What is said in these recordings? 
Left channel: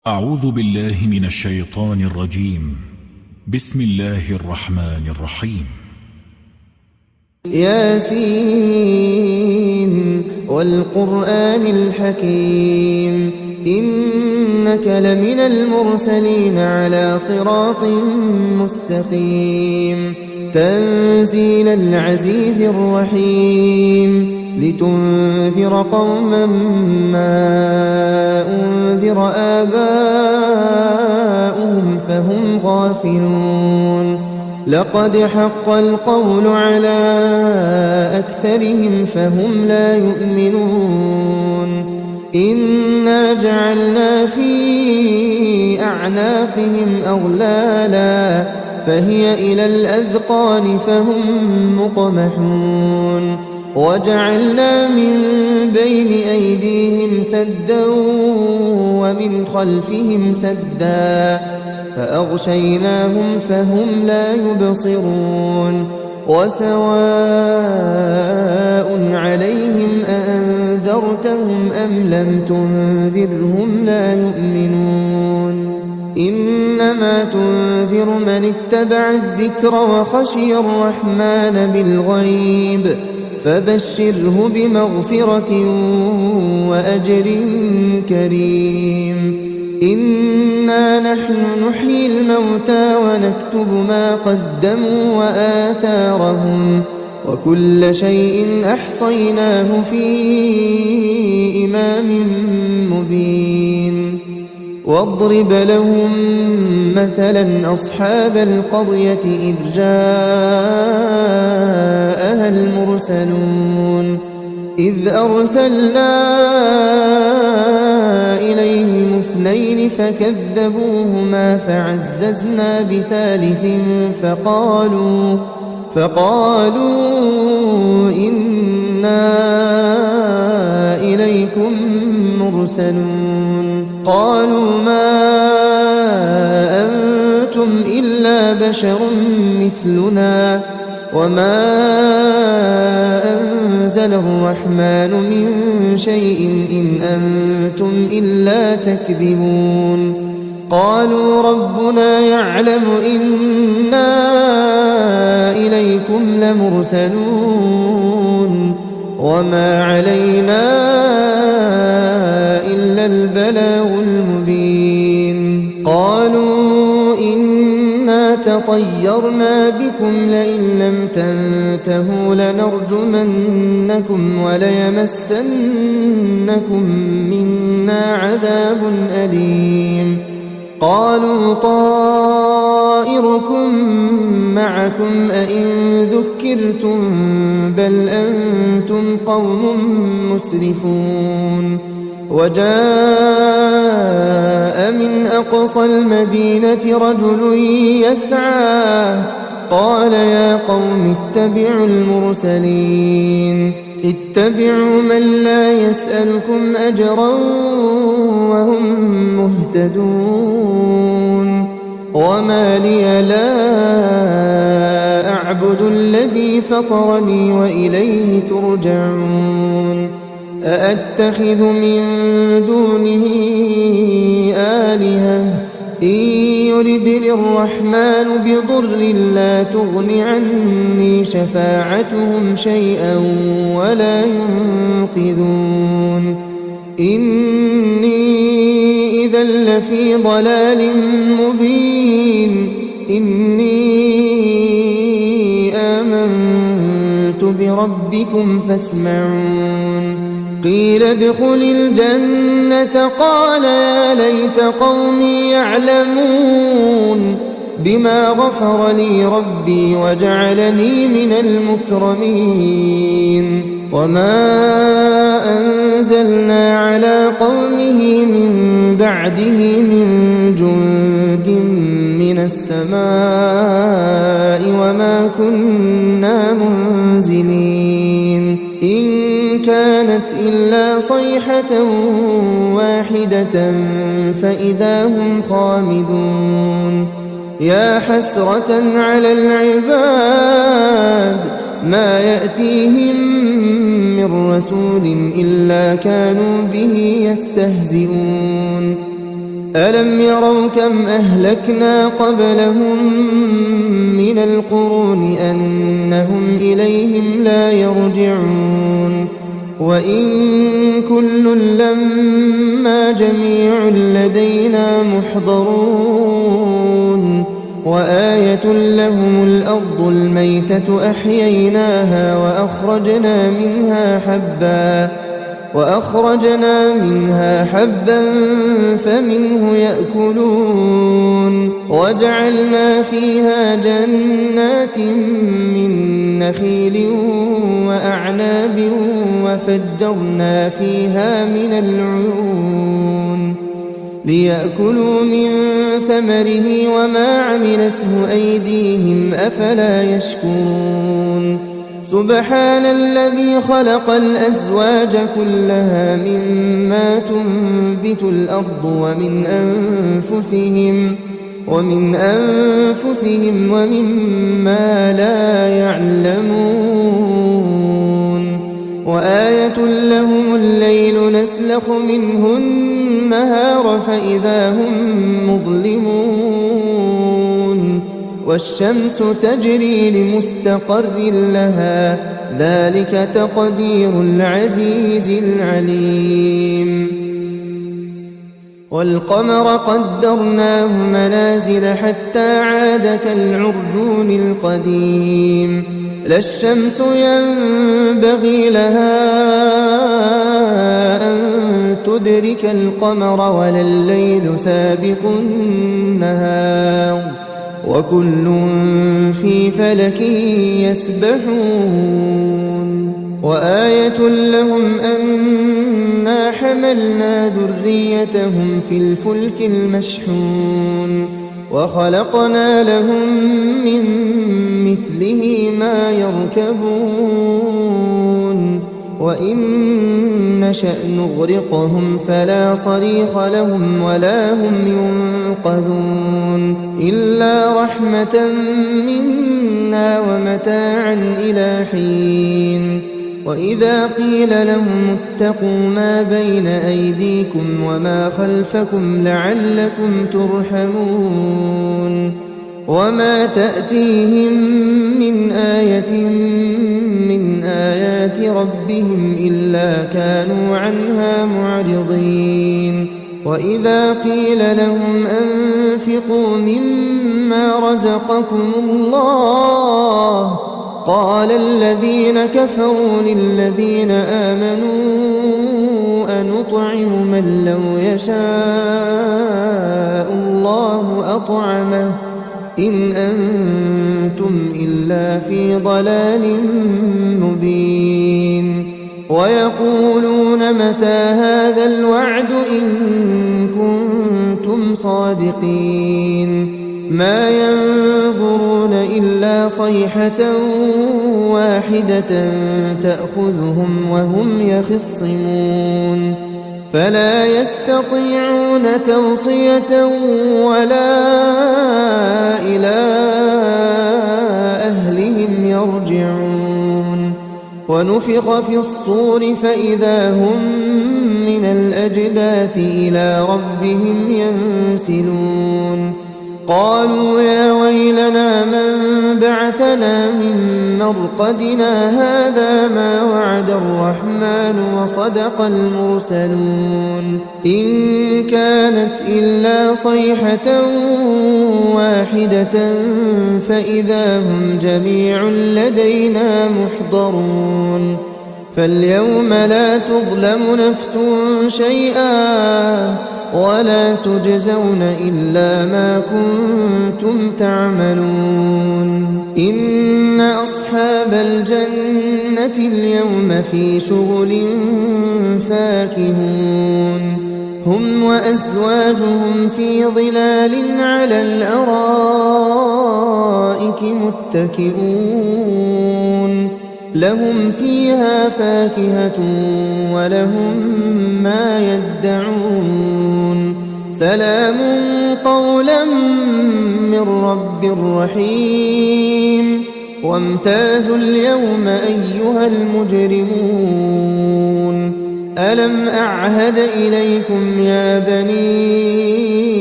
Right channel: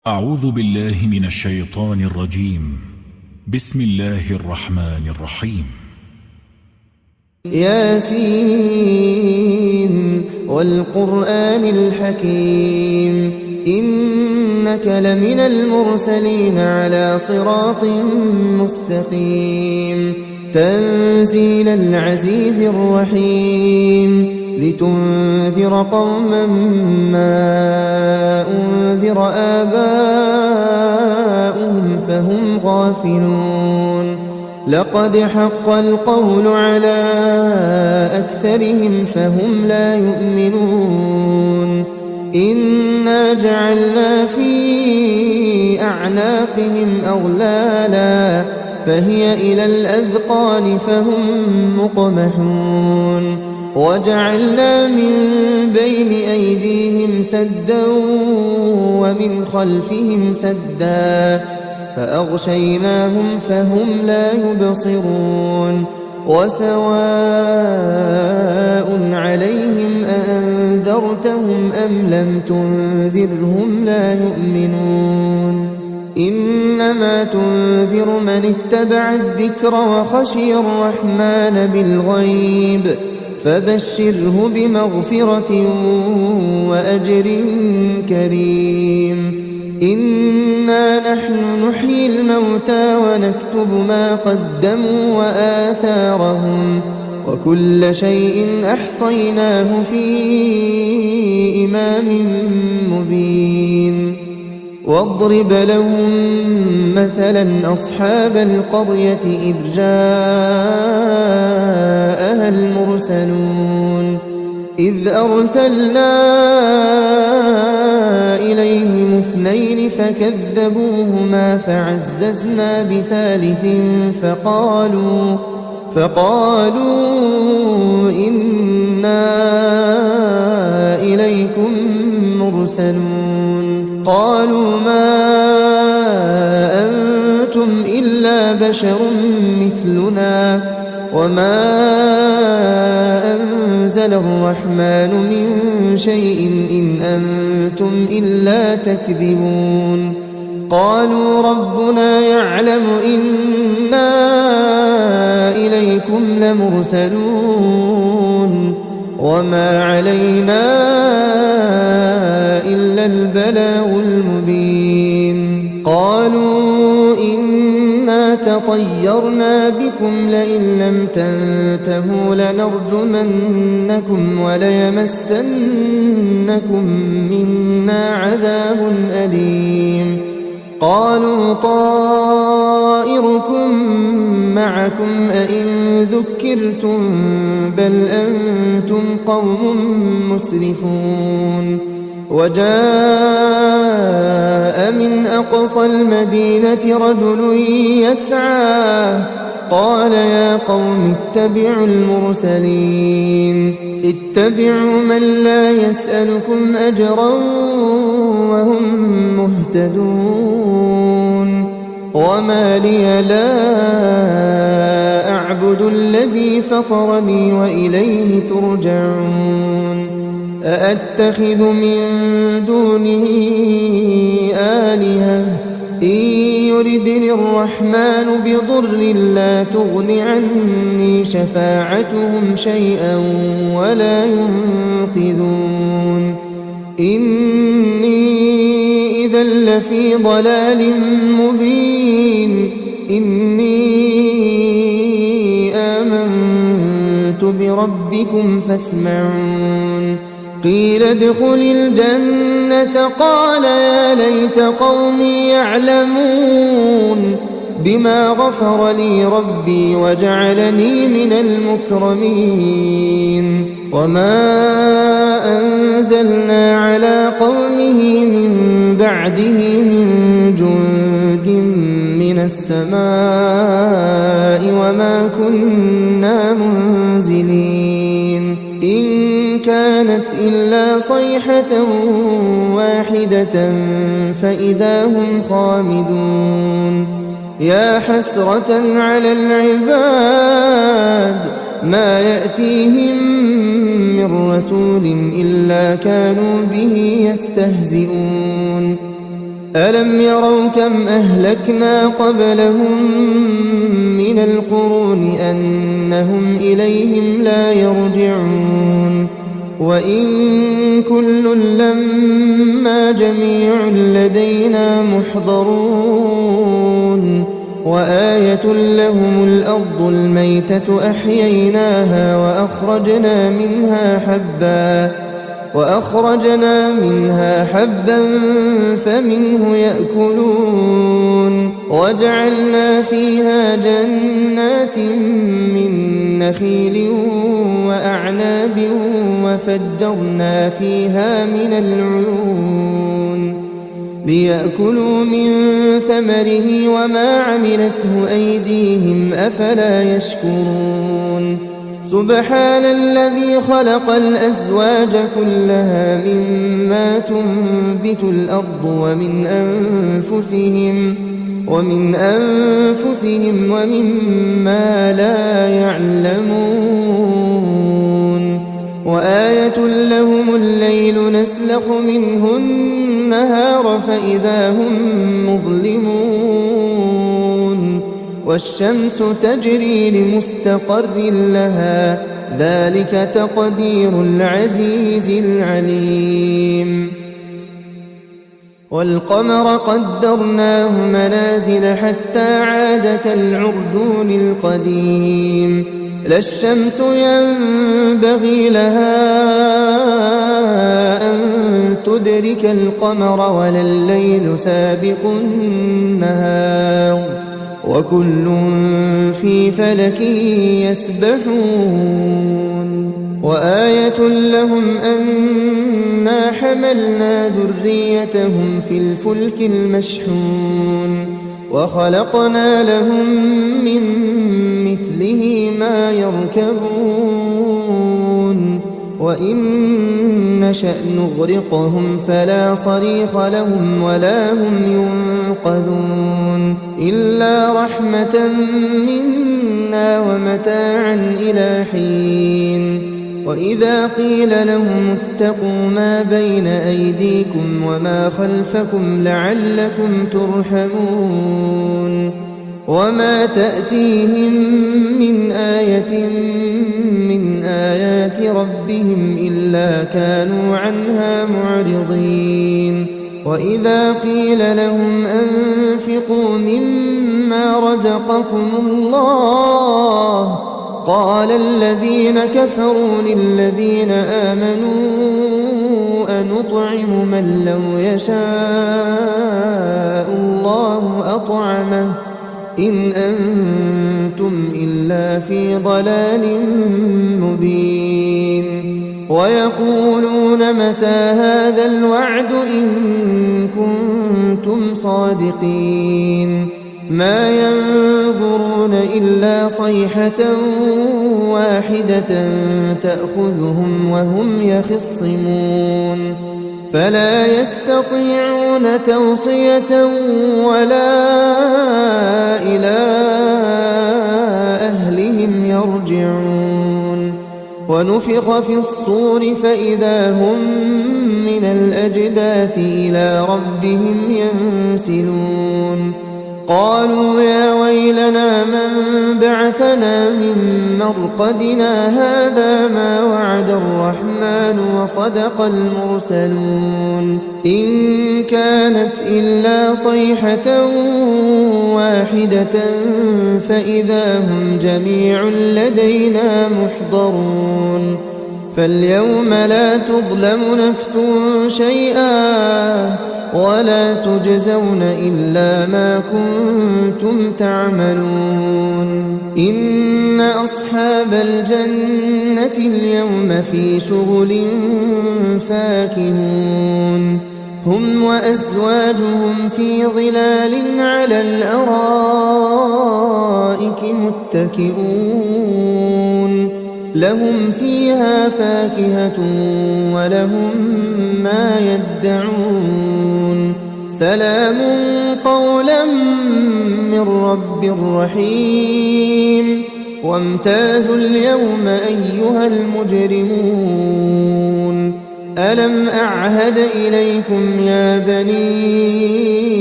أعوذ بالله من الشيطان الرجيم. بسم الله الرحمن الرحيم. ياسين والقرآن الحكيم إنك لمن المرسلين على صراط مستقيم تنزيل العزيز الرحيم لتنذر قوما ما أنذر آباؤهم فهم غافلون لقد حق القول على أكثرهم فهم لا يؤمنون إنا جعلنا في أعناقهم أغلالا فهي إلى الأذقان فهم مقمحون وجعلنا من بين أيديهم سدا ومن خلفهم سدا فأغشيناهم فهم لا يبصرون وسواء عليهم أأنذرتهم أم لم تنذرهم لا يؤمنون إنما تنذر من اتبع الذكر وخشي الرحمن بالغيب فبشره بمغفرة وأجر كريم إنا نحن نحيي الموتى ونكتب ما قدموا وآثارهم وكل شيء أحصيناه في إمام مبين واضرب لهم مثلا أصحاب القرية إذ جاءها المرسلون إذ أرسلنا إليهم اثنين فكذبوهما فعززنا بثالث فقالوا إنا إليكم مرسلون قالوا ما أنتم إلا بشر مثلنا وما أنزل الرحمن من شيء إن أنتم إلا تكذبون قالوا ربنا يعلم إنا إليكم لمرسلون وما علينا إلا البلاغ المبين قالوا إنا تطيرنا بكم لئن لم تنتهوا لنرجمنكم وليمسنكم منا عذاب أليم قالوا طائركم معكم أئن ذكرتم بل أنتم قوم مسرفون وجاء من أقصى المدينة رجل يسعى قال يا قوم اتبعوا المرسلين اتبعوا من لا يسألكم أجرا وهم مهتدون وما لي لا أعبد الذي فطرني وإليه ترجعون أأتخذ من دونه آلهة إن يردني الرحمن بضر لا تغن عني شفاعتهم شيئا ولا ينقذون إني إذا لفي ضلال مبين إني آمنت بربكم فاسمعون قيل ادخل الجنة قال يا ليت قومي يعلمون بما غفر لي ربي وجعلني من المكرمين وما أنزلنا على قومه من بعده من جند من السماء وما كنا منزلين إن كانت إلا صيحة واحدة فإذا هم خامدون يا حسرة على العباد ما يأتيهم من رسول إلا كانوا به يستهزئون ألم يروا كم أهلكنا قبلهم من القرون أنهم إليهم لا يرجعون وإن كل لما جميع لدينا محضرون وآية لهم الأرض الميتة أحييناها وأخرجنا منها حبا فمنه يأكلون وجعلنا فيها جنات من نخيل وأعناب وفجرنا فيها من العيون ليأكلوا من ثمره وما عملته أيديهم أفلا يشكرون سبحان الذي خلق الأزواج كلها مما تنبت الأرض ومن أنفسهم ومما لا يعلمون وآية لهم الليل نسلخ منه النهار فإذا هم مظلمون والشمس تجري لمستقر لها ذلك تقدير العزيز العليم والقمر قدرناه منازل حتى عاد كالعرجون القديم لا الشمس ينبغي لها أن تدرك القمر ولا الليل سابق النهار وكل في فلك يسبحون وآية لهم أنا حملنا ذريتهم في الفلك المشحون وخلقنا لهم من مثله ما يركبون وإن نشأ نغرقهم فلا صريخ لهم ولا هم ينقذون إلا رحمة منا ومتاعا إلى حين وإذا قيل لهم اتقوا ما بين أيديكم وما خلفكم لعلكم ترحمون وما تأتيهم من آية من آيات ربهم إلا كانوا عنها معرضين وإذا قيل لهم أنفقوا مما رزقكم الله قال الذين كفروا للذين آمنوا أنطعم من لو يشاء الله أطعمه إن أنتم إلا في ضلال مبين ويقولون متى هذا الوعد إن كنتم صادقين ما ينظرون إلا صيحة واحدة تأخذهم وهم يخصمون فلا يستطيعون توصية ولا إلى أهلهم يرجعون ونفخ في الصور فإذا هم من الأجداث إلى ربهم ينسلون قالوا يا ويلنا من بعثنا من مرقدنا هذا ما وعد الرحمن وصدق المرسلون إن كانت إلا صيحة واحدة فإذا هم جميع لدينا محضرون فاليوم لا تظلم نفس شيئا ولا تجزون إلا ما كنتم تعملون إن أصحاب الجنة اليوم في شغل فاكهون هم وأزواجهم في ظلال على الأرائك متكئون لهم فيها فاكهة ولهم ما يدعون سلام قولا من رب رحيم وامتازوا اليوم أيها المجرمون ألم أعهد إليكم يا بني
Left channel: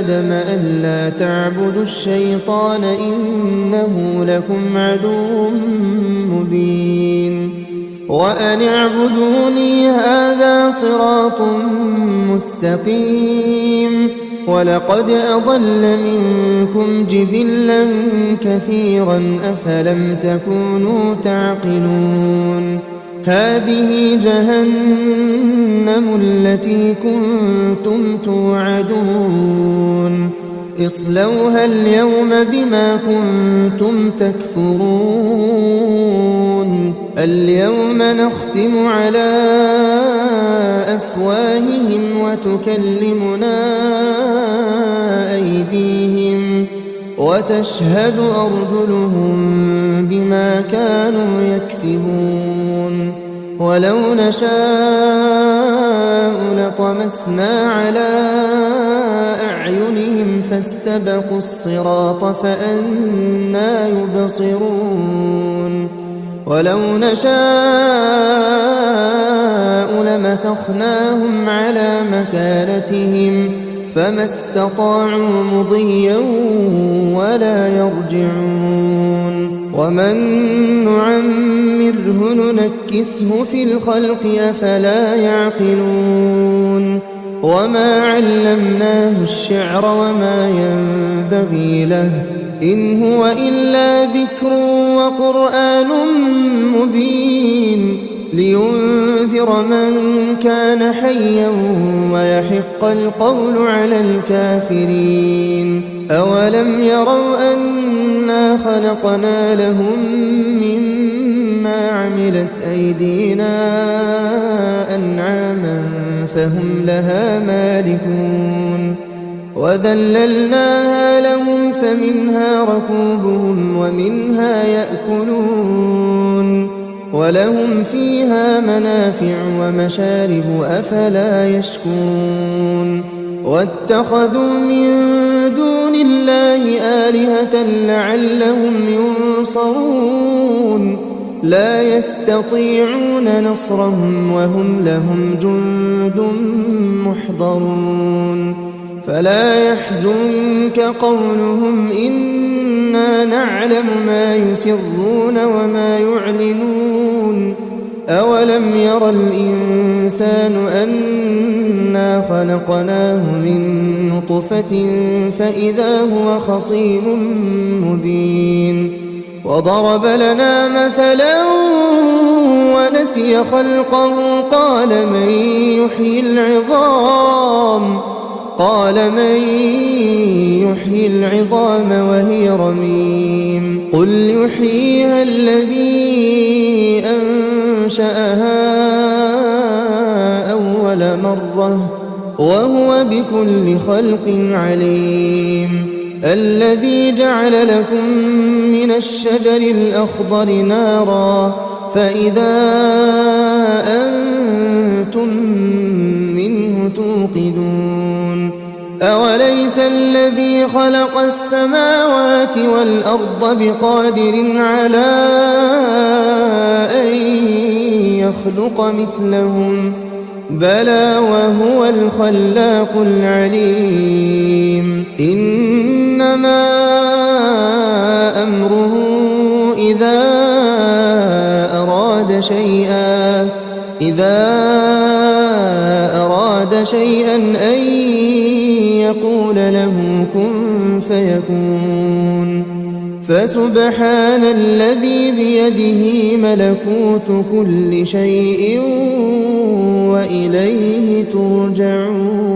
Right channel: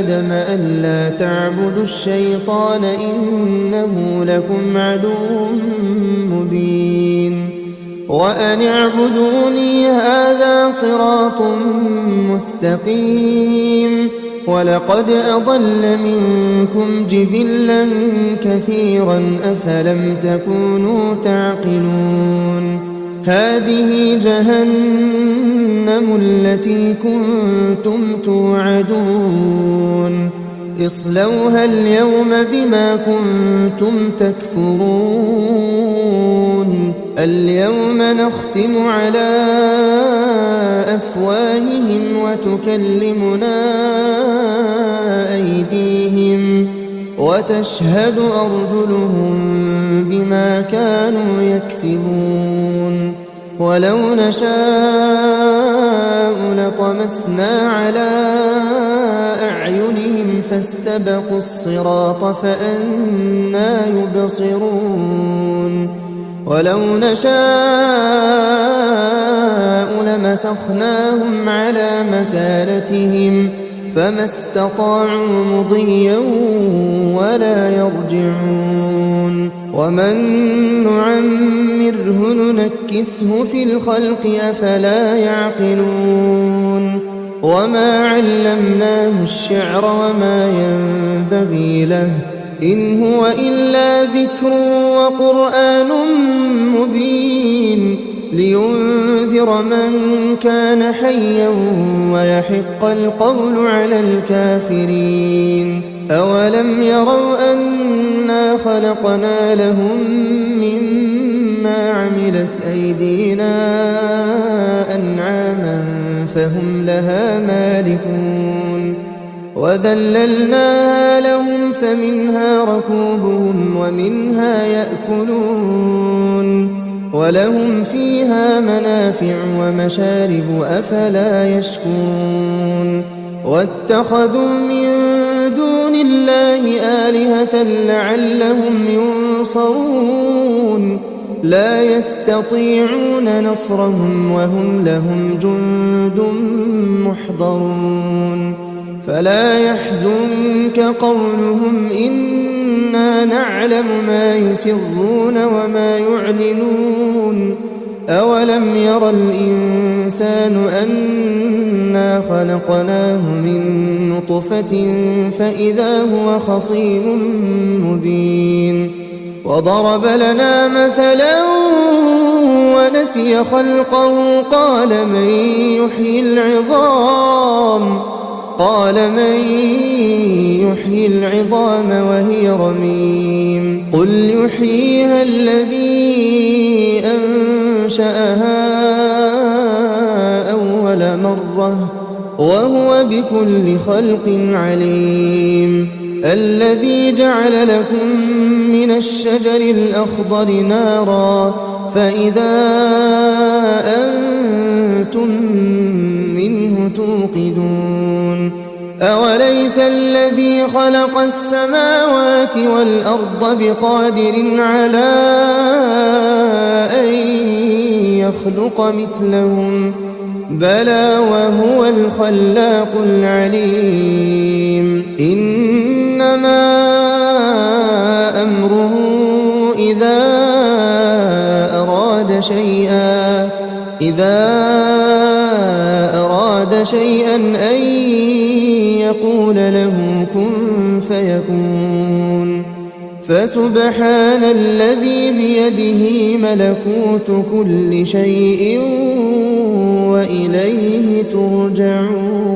آدم ألا تعبدوا الشيطان إنه لكم عدو مبين وأن اعبدوني هذا صراط مستقيم ولقد أضل منكم جبلا كثيرا أفلم تكونوا تعقلون هذه جهنم التي كنتم توعدون اصلوها اليوم بما كنتم تكفرون اليوم نختم على أفواههم وتكلمنا أيديهم وتشهد أرجلهم بما كانوا يكسبون ولو نشاء لطمسنا على أعينهم فاستبقوا الصراط فأنى يبصرون ولو نشاء لمسخناهم على مكانتهم فما استطاعوا مضيا ولا يرجعون ومن نعمره ننكسه في الخلق أفلا يعقلون وما علمناه الشعر وما ينبغي له إن هو إلا ذكر وقرآن مبين لينذر من كان حيا ويحق القول على الكافرين أولم يروا أنا خلقنا لهم مما عملت أيدينا أنعاما فهم لها مالكون وذللناها لهم فمنها ركوبهم ومنها يأكلون ولهم فيها منافع ومشارب أفلا يشكرون واتخذوا من دون الله آلهة لعلهم ينصرون لا يستطيعون نصرهم وهم لهم جند محضرون فلا يحزنك قولهم إنا نعلم ما يسرون وما يعلنون أولم ير الإنسان أنا خلقناه من نطفة فإذا هو خصيم مبين وضرب لنا مثلا ونسي خلقه قال من يحيي العظام وهي رميم قل يحييها الذي أنشأها أول مرة وهو بكل خلق عليم الذي جعل لكم من الشجر الأخضر نارا فإذا أنتم منه توقدون أوليس الذي خلق السماوات والأرض بقادر على أن يخلق مثلهم بلى وهو الخلاق العليم إنما أمره إذا أراد شيئا أن يقول له كن فيكون فسبحان الذي بيده ملكوت كل شيء وإليه ترجعون